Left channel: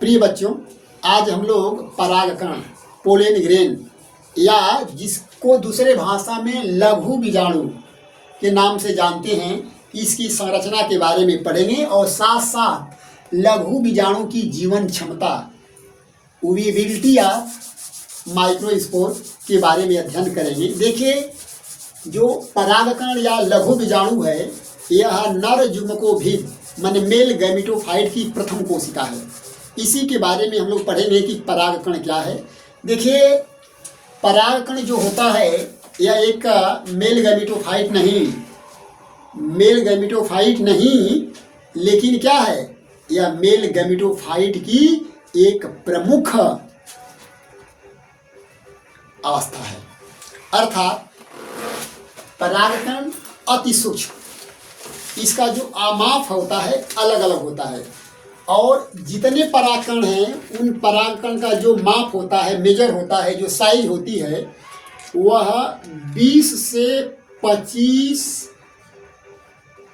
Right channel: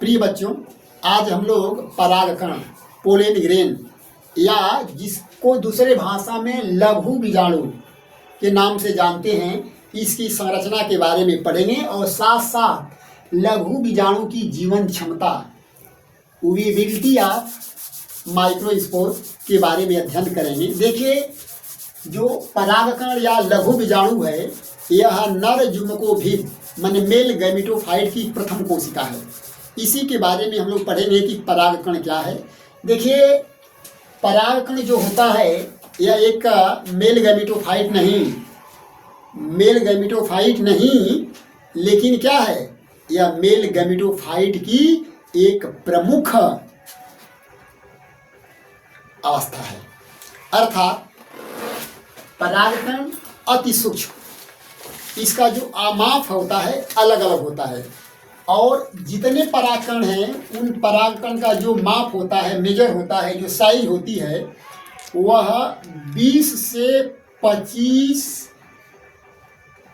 प्रिय बच्चों, आज हम लोग परागकण पोलन ग्रेन या जिसको दूसरे भाषा में लघु बीजाणु के नाम से जानते हैं, इसकी संरचना के बारे में पढ़ेंगे और साथ साथ लघु बीजाणु की जीवन क्षमता विविलिटी ऑफ माइक्रोस्पोर के बारे में अध्ययन करेंगे। देखिए, जो परागकण या लघु बीजाणु है यह नर युग्मकोभिद माने मेल गैमेटोफाइट की प्रथम कोशिका है। इसी के बारे में हम लोग पढ़ेंगे कि परागकण क्या है। देखिए, परागकण जो होता है यह एक मेल गैमेटोफाइट नहीं, लेकिन क्या है, यह मेल गैमेटोफाइट की एक प्रमुख अवस्था है। अर्थात परागकण अति सूक्ष्म, इसका जो आमाप होता है अलग अलग होता है और जितने परागकण हैं उन परागकण का जो माप होता है, मेजर होता है, जो साइज होती है वह 20 से 25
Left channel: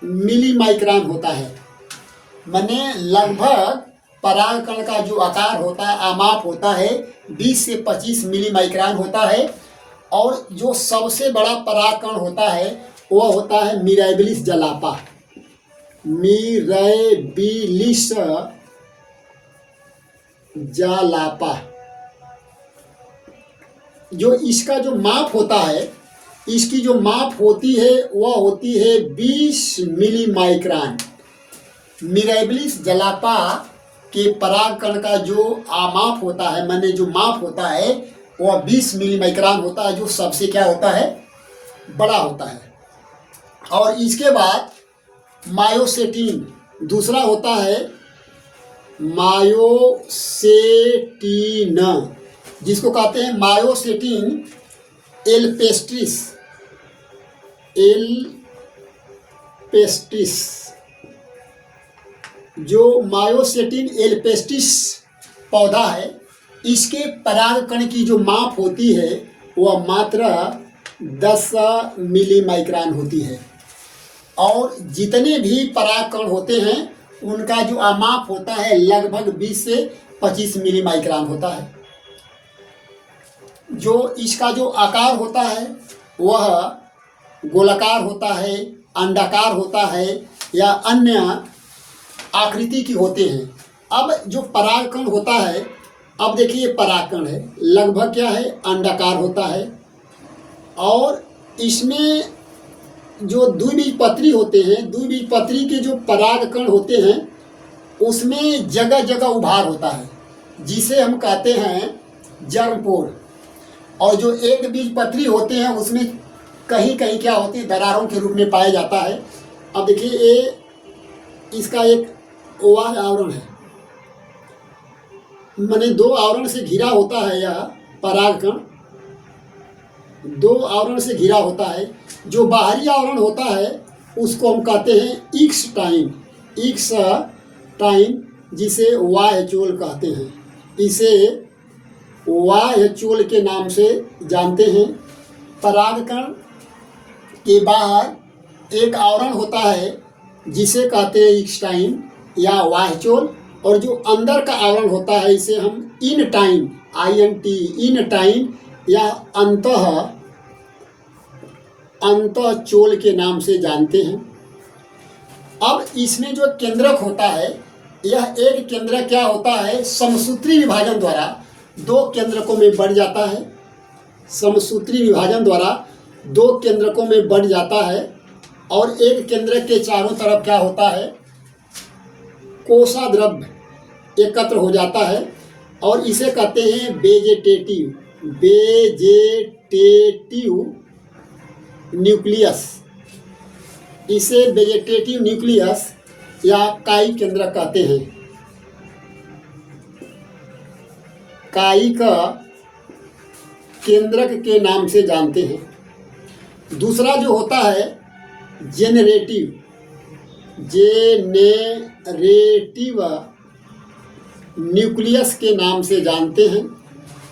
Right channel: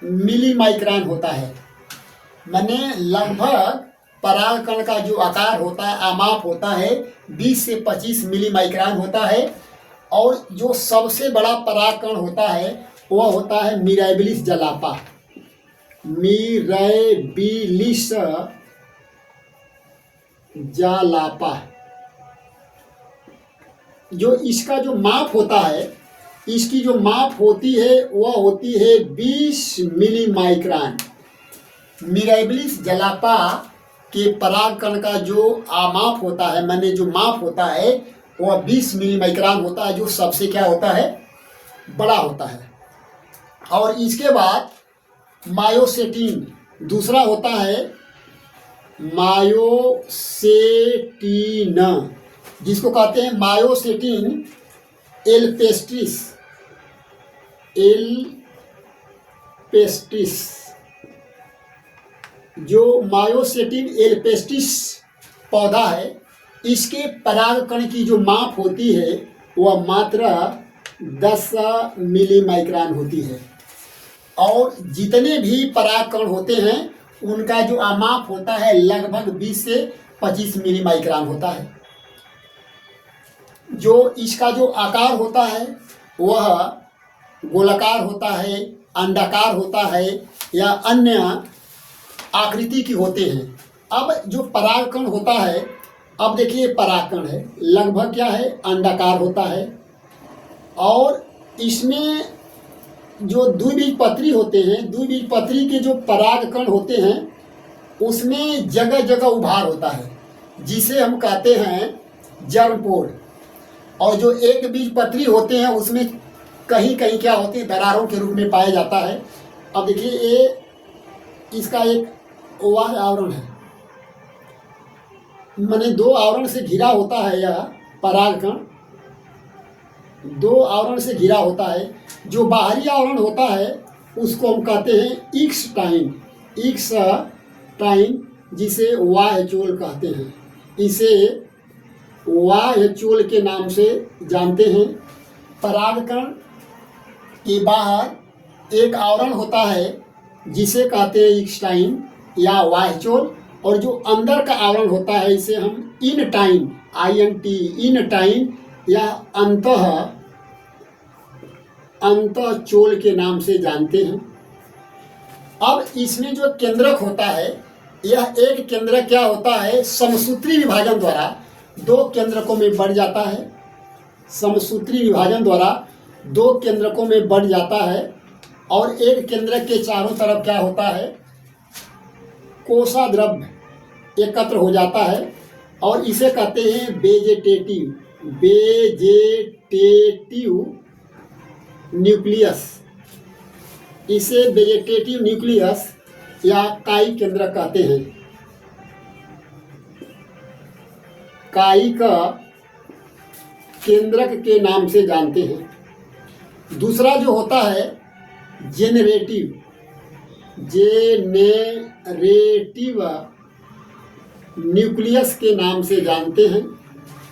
मिली माइक्रोन होता है। माने लगभग परागकण का जो आकार होता है, आमाप होता है 20 से 25 मिली माइक्रोन होता है। और जो सबसे बड़ा परागकण होता है वह होता है मिराबिलिस जलापा। मिराबिलिस जलापा, जो इसका जो माप होता है, इसकी जो माप होती है वह होती है 20 मिली माइक्रोन। मिराबिलिस जलापा के परागकण का जो आमाप होता है, माने जो माप होता है वह 20 मिली माइक्रोन होता है, जो सबसे क्या होता है, बड़ा होता है। और इसके बाद मायोसेटिन दूसरा होता है, मायोसेटिन, जिसको कहते हैं मायोसेटिन एल्पेस्ट्रिस। जो मायोसेटिन एल्पेस्ट्रिस पौधा है, इसके परागकण की जो माप होती है वह मात्र 10 मिली माइक्रोन होती है। और जितने भी परागकण होते हैं उनका जो आमाप होता है लगभग 20 से 25 मिली माइक्रोन होता है। जो इसका जो आकार होता है वह गोलाकार होता है, अंडाकार होता है या अन्य आकृति की होते हैं। अब जो परागकण होता है, अब देखिए परागकण है, लगभग क्या है, अंडाकार होता है। और इसमें जो द्विबीजपत्री होते हैं, द्विबीजपत्री के जो परागकण होते हैं उसमें जगह जगह उभार होता है, जिसे हम कहते हैं जर्मपोर। और जो एक बीजपत्री होते हैं उसमें कहीं कहीं क्या होती है, दरारों के रूप में पाया जाता है। अब देखिए, ये इसका एक ओवाल आवरण है, माने 2 आवरण से घिरा होता है। यह परागकण 2 आवरण से घिरा होता है। जो बाहरी आवरण होता है उसको हम कहते हैं इक्स टाइम, जिसे वाह्यचोल कहते हैं। इसे वाह्यचोल के नाम से जानते हैं। परागकण के बाहर एक आवरण होता है जिसे कहते हैं इक्स टाइम या वाह्यचोल, और जो अंदर का आवरण होता है इसे हम इन टाइम या अंतःचोल के नाम से जानते हैं। अब इसमें जो केंद्रक होता है, यह एक केंद्रक क्या होता है, समसूत्री विभाजन द्वारा 2 केंद्रकों में बढ़ जाता है। समसूत्री विभाजन द्वारा 2 केंद्रकों में बढ़ जाता है और एक केंद्रक के चारों तरफ क्या होता है, कोशाद्रव्य एकत्र हो जाता है और इसे कहते हैं वेजेटेटिव न्यूक्लियस। इसे वेजेटेटिव न्यूक्लियस या काई केंद्रक कहते हैं। काई का केंद्रक के नाम से जानते हैं। दूसरा जो होता है जेनरेटिव न्यूक्लियस के नाम से जानते हैं,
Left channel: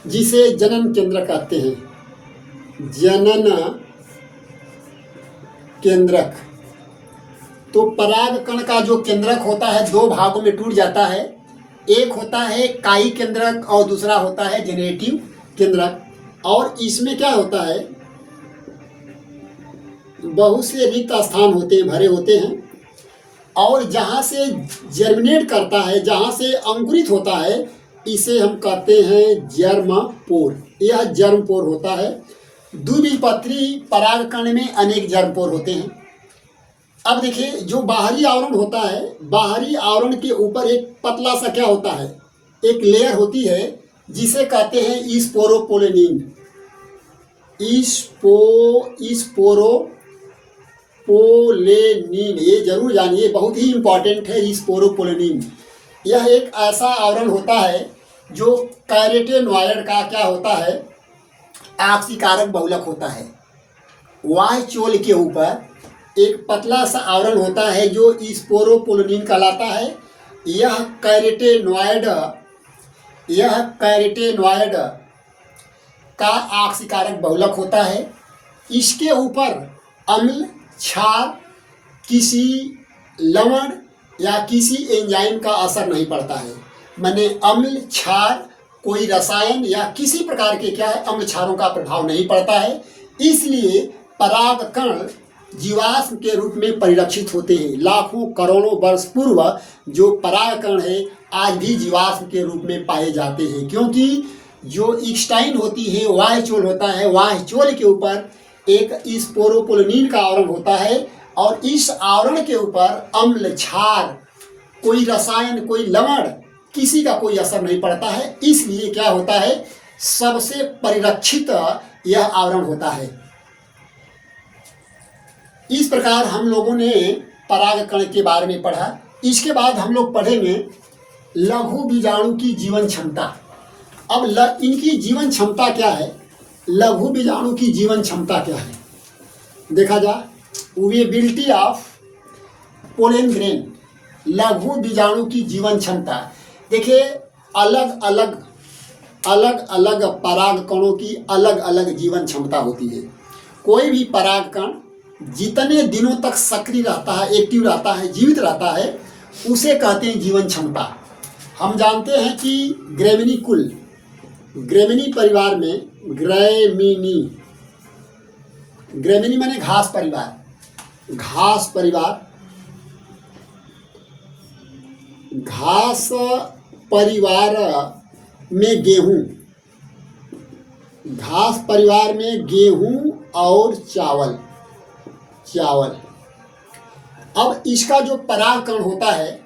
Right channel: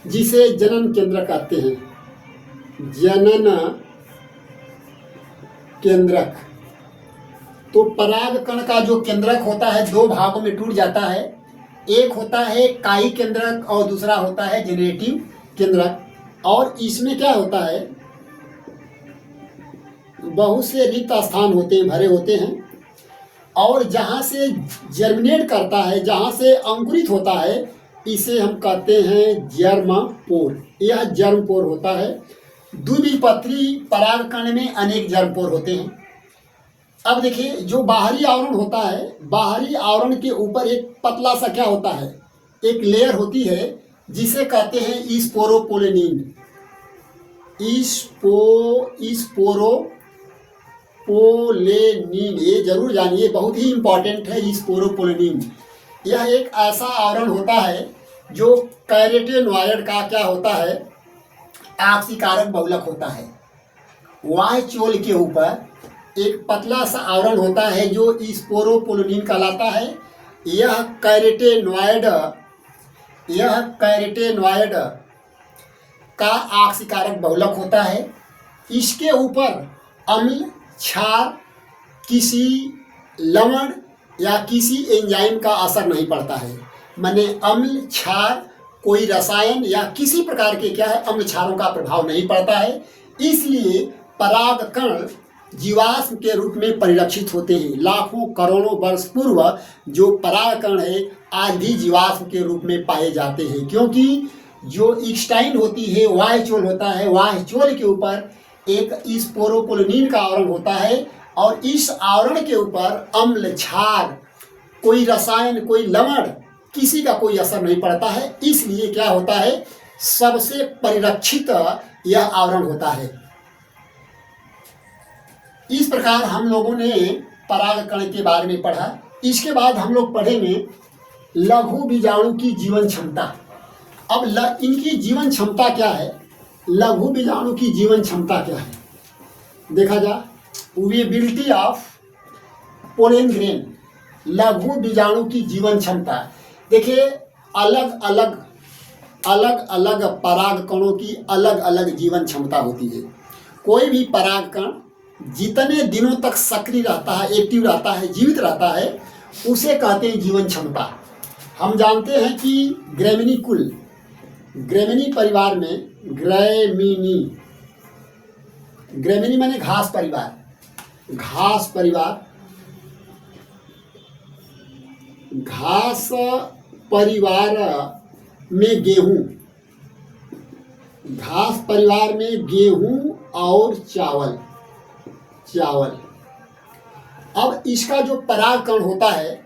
जिसे जनन केंद्रक कहते हैं। जनन केंद्रक। तो परागकण का जो केंद्रक होता है 2 भागों में टूट जाता है। एक होता है कायी केंद्रक और दूसरा होता है जेनरेटिव केंद्रक। और इसमें क्या होता है, बहुत से रिक्त स्थान होते हैं, भरे होते हैं, और जहाँ से जर्मिनेट करता है, जहाँ से अंकुरित होता है, इसे हम कहते हैं जर्मपोर। यह जर्मपोर होता है। द्विबीजपत्री परागकण में अनेक जर्मपोर होते हैं। अब देखिए, जो बाहरी आवरण होता है, बाहरी आवरण के ऊपर एक पतला सा क्या होता है, एक लेयर होती है, जिसे कहते हैं स्पोरोपोलेनिन। स्पोरोपोलेनिन, ये जरूर जानिए, बहुत ही इंपॉर्टेंट है स्पोरोपोलेनिन। यह एक ऐसा आवरण होता है जो कैरोटेनॉइड का क्या होता है, आक्सीकारक बहुलक होता है। वाह्य चोल के ऊपर एक पतला सा आवरण होता है जो स्पोरोपोलेनिन कहलाता है। यह कैरोटेनॉइड का आक्सीकारक बहुलक होता है। इसके ऊपर अम्ल, क्षार, किसी लवण या किसी एंजाइम का असर नहीं पड़ता है। माने अम्ल, क्षार, कोई रसायन या किसी प्रकार के क्या है, अम्ल क्षारों का प्रभाव नहीं पड़ता है। इसलिए परागकण जीवाश्म के रूप में परिलक्षित होते हैं। लाखों करोड़ों वर्ष पूर्व जो परागकण है आज भी जीवाश्म के रूप में पाए जाते हैं, क्योंकि जो ईक्स्टाइन होती है, वाह्य चोल होता है, वाह्य चोल के ऊपर एक स्पोरोपोलेनिन का आवरण होता है, और इस आवरण के ऊपर अम्ल, क्षार, कोई रसायन, कोई लवण, किसी का कोई असर नहीं पड़ता है। इसलिए क्या होता है, सबसे परिरक्षित यह आवरण होता है। इस प्रकार हम लोगों ने परागकण के बारे में पढ़ा। इसके बाद हम लोग पढ़ेंगे लघु बीजाणु की जीवन क्षमता। अब इनकी जीवन क्षमता क्या है, लघु बीजाणु की जीवन क्षमता क्या है, देखा जा। वेबिलिटी ऑफ पोलन ग्रेन, लघु बीजाणु की जीवन क्षमता। देखिए, अलग अलग परागकणों की अलग अलग जीवन क्षमता होती है। कोई भी परागकण जितने दिनों तक सक्रिय रहता है, एक्टिव रहता है, जीवित रहता है, उसे कहते हैं जीवन क्षमता। हम जानते हैं कि ग्रेमिनी परिवार में, ग्रेमिनी माने घास परिवार, घास परिवार में गेहूं और चावल। अब इसका जो परागकण होता है,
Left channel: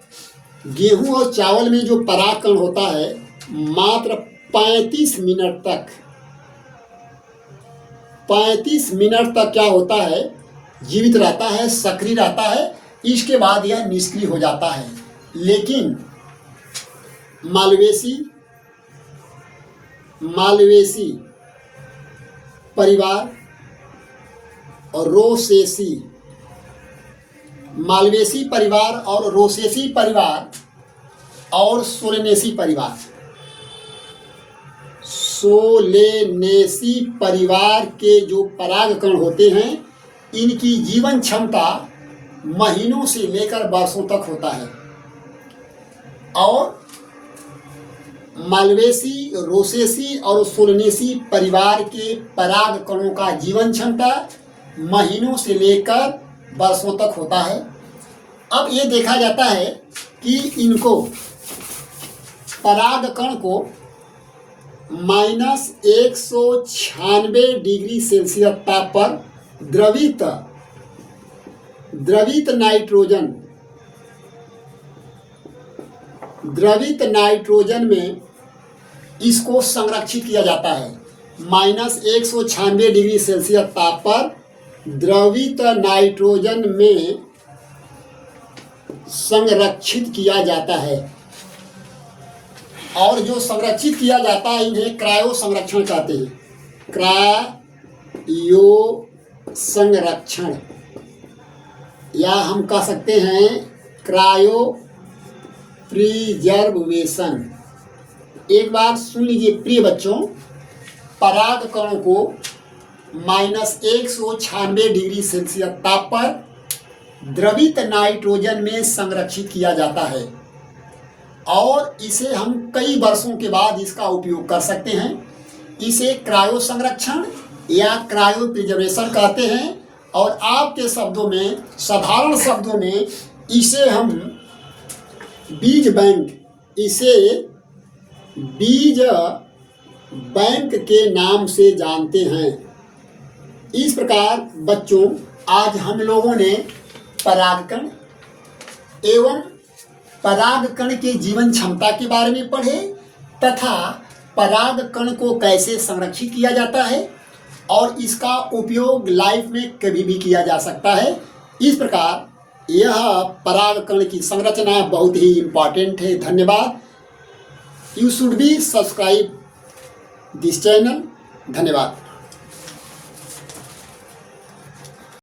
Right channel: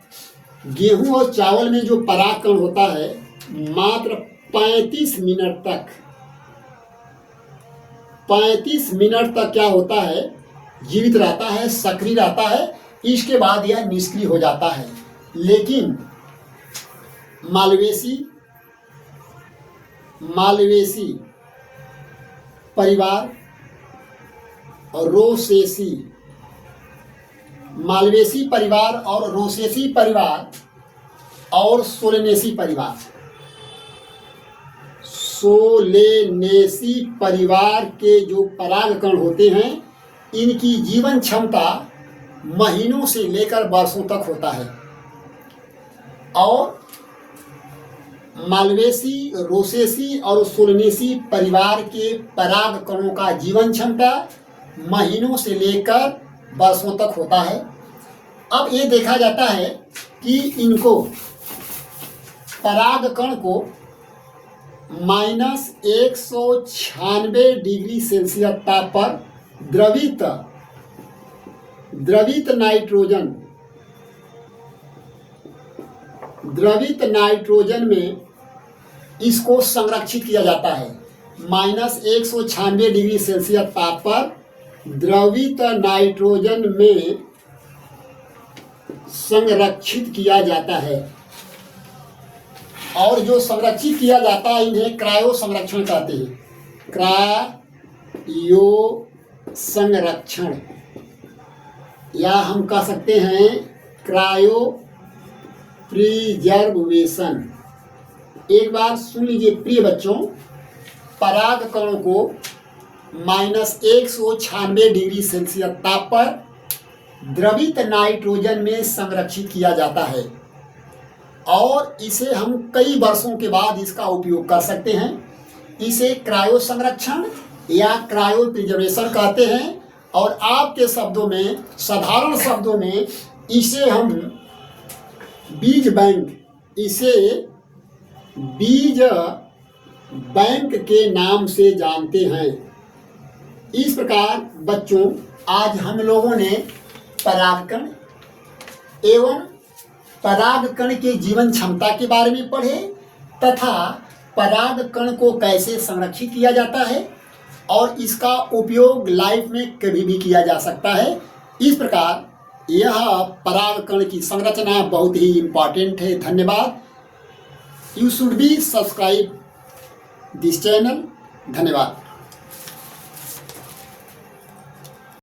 गेहूं और चावल में जो परागकण होता है, मात्र 35 मिनट तक क्या होता है, जीवित रहता है, सक्रिय रहता है। इसके बाद यह निष्क्रिय हो जाता है। लेकिन मालवेसी परिवार और रोसेसी परिवार और सोलेनेसी परिवार के जो परागकण होते हैं, इनकी जीवन क्षमता महीनों से लेकर वर्षों तक होता है। और मालवेसी, रोसेसी और सोलेनेसी परिवार के परागकणों का जीवन क्षमता महीनों से लेकर वर्षों तक होता है। अब ये देखा जाता है कि इनको परागकण को -196 डिग्री सेल्सियस ताप पर द्रवित नाइट्रोजन में इसको संरक्षित किया जाता है। -196 डिग्री सेल्सियस ताप पर द्रवित नाइट्रोजन में संरक्षित किया जाता है। और जो संरक्षित किया जाता है, इन्हें क्रायो संरक्षण कहते हैं। क्रायो संरक्षण, या हम कह सकते हैं क्रायो प्रिजर्वेशन। एक बार सुन लीजिए प्रिय बच्चों, परागकणों को -196 डिग्री सेल्सियस ताप पर द्रवित नाइट्रोजन में संरक्षित किया जाता है। और इसे हम कई वर्षों के बाद इसका उपयोग कर सकते हैं। इसे क्रायो संरक्षण या क्रायो प्रिजर्वेशन कहते हैं। और आपके शब्दों में, साधारण शब्दों में, इसे हम बीज बैंक, इसे बीज बैंक के नाम से जानते हैं। इस प्रकार बच्चों, आज हम लोगों ने परागकण एवं परागकण के जीवन क्षमता के बारे में पढ़े तथा परागकण को कैसे संरक्षित किया जाता है और इसका उपयोग लाइफ में कभी भी किया जा सकता है। इस प्रकार यह परागकण की संरचना बहुत ही इम्पॉर्टेंट है। धन्यवाद। You should be subscribe this channel. धन्यवाद।